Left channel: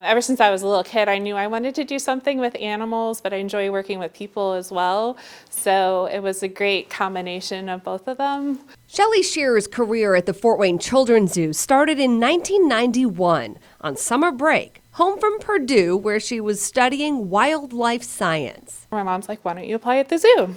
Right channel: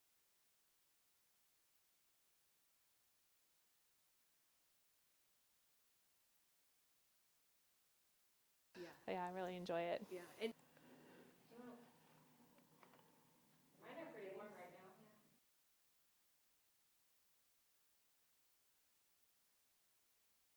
Ever since I was a little kid, I knew I wanted to do something with animals, but I enjoy working with people as well. So it was a great combination of both of them. Shelley Shearer's career at the Fort Wayne Children's Zoo started in 1991 on summer break, home from Purdue, where she was studying wildlife science. My mom's like, "Why don't you apply at the zoo?"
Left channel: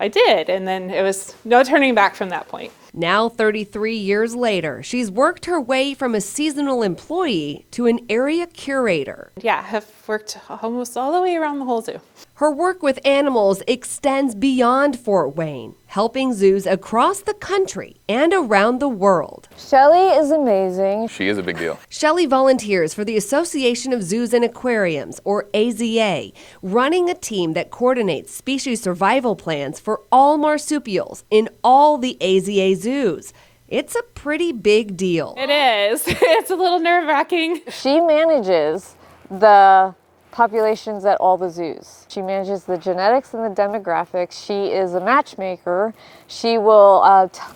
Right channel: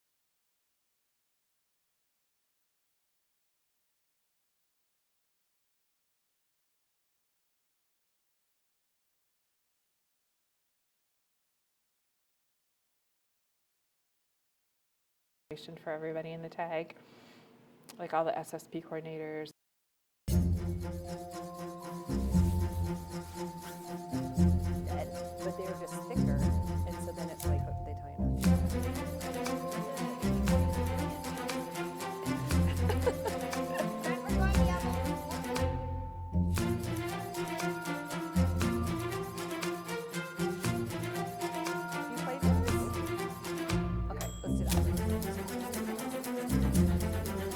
I did, and then it was no turning back from that point. Now, 33 years later, she's worked her way from a seasonal employee to an area curator. Yeah, have worked almost all the way around the whole zoo. Her work with animals extends beyond Fort Wayne, helping zoos across the country and around the world. Shelley is amazing. She is a big deal. Shelley volunteers for the Association of Zoos and Aquariums, or AZA, running a team that coordinates species survival plans for all marsupials in all the AZA zoos. It's a pretty big deal. It is. It's a little nerve-wracking. She manages the populations at all the zoos. She manages the genetics and the demographics. She is a matchmaker. She will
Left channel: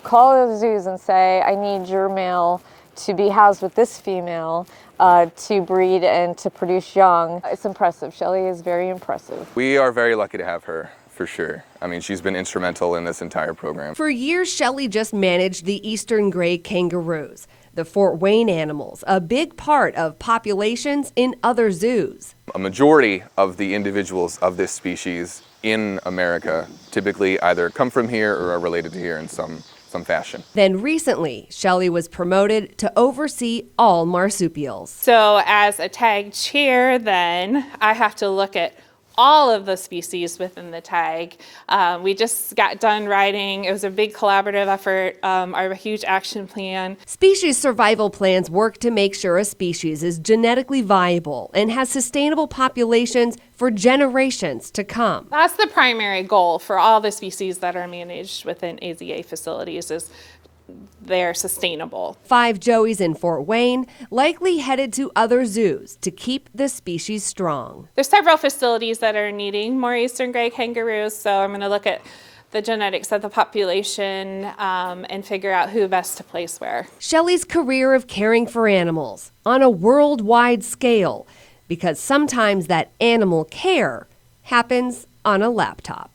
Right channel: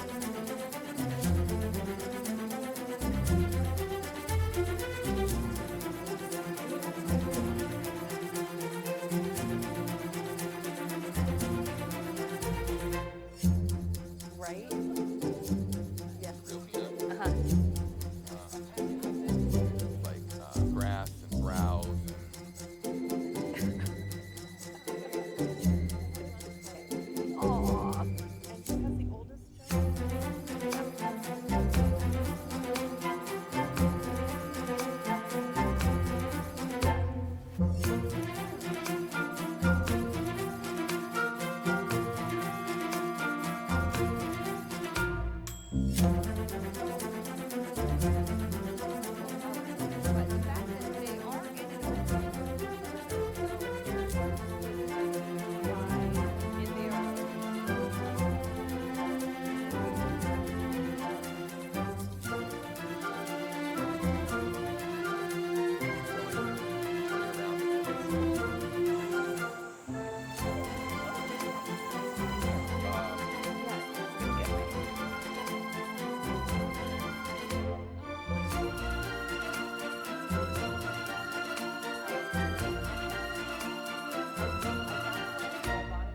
call the zoos and say, I need your male to be housed with this female to breed and to produce young. It's impressive. Shelley is very impressive. We are very lucky to have her, for sure. I mean, she's been instrumental in this entire program. For years, Shelley just managed the eastern gray kangaroos, the Fort Wayne animals, a big part of populations in other zoos. A majority of the individuals of this species in America typically either come from here or are related to here in some fashion. Then recently, Shelley was promoted to oversee all marsupials. So as a tag chair, then I have to look at all of the species within the tag. We just got done writing. It was a big collaborative effort, our huge action plan. Species survival plans work to make sure a species is genetically viable and has sustainable populations for generations to come. That's the primary goal for all the species that are managed within AZA facilities, is they're sustainable. 5 Joeys in Fort Wayne, likely headed to other zoos to keep the species strong. There's several facilities that are needing more eastern gray kangaroos, so I'm going to look at the genetics of the population and figure out who best to place where. Shelley's career of caring for animals on a worldwide scale, because sometimes that animal care happens on a laptop.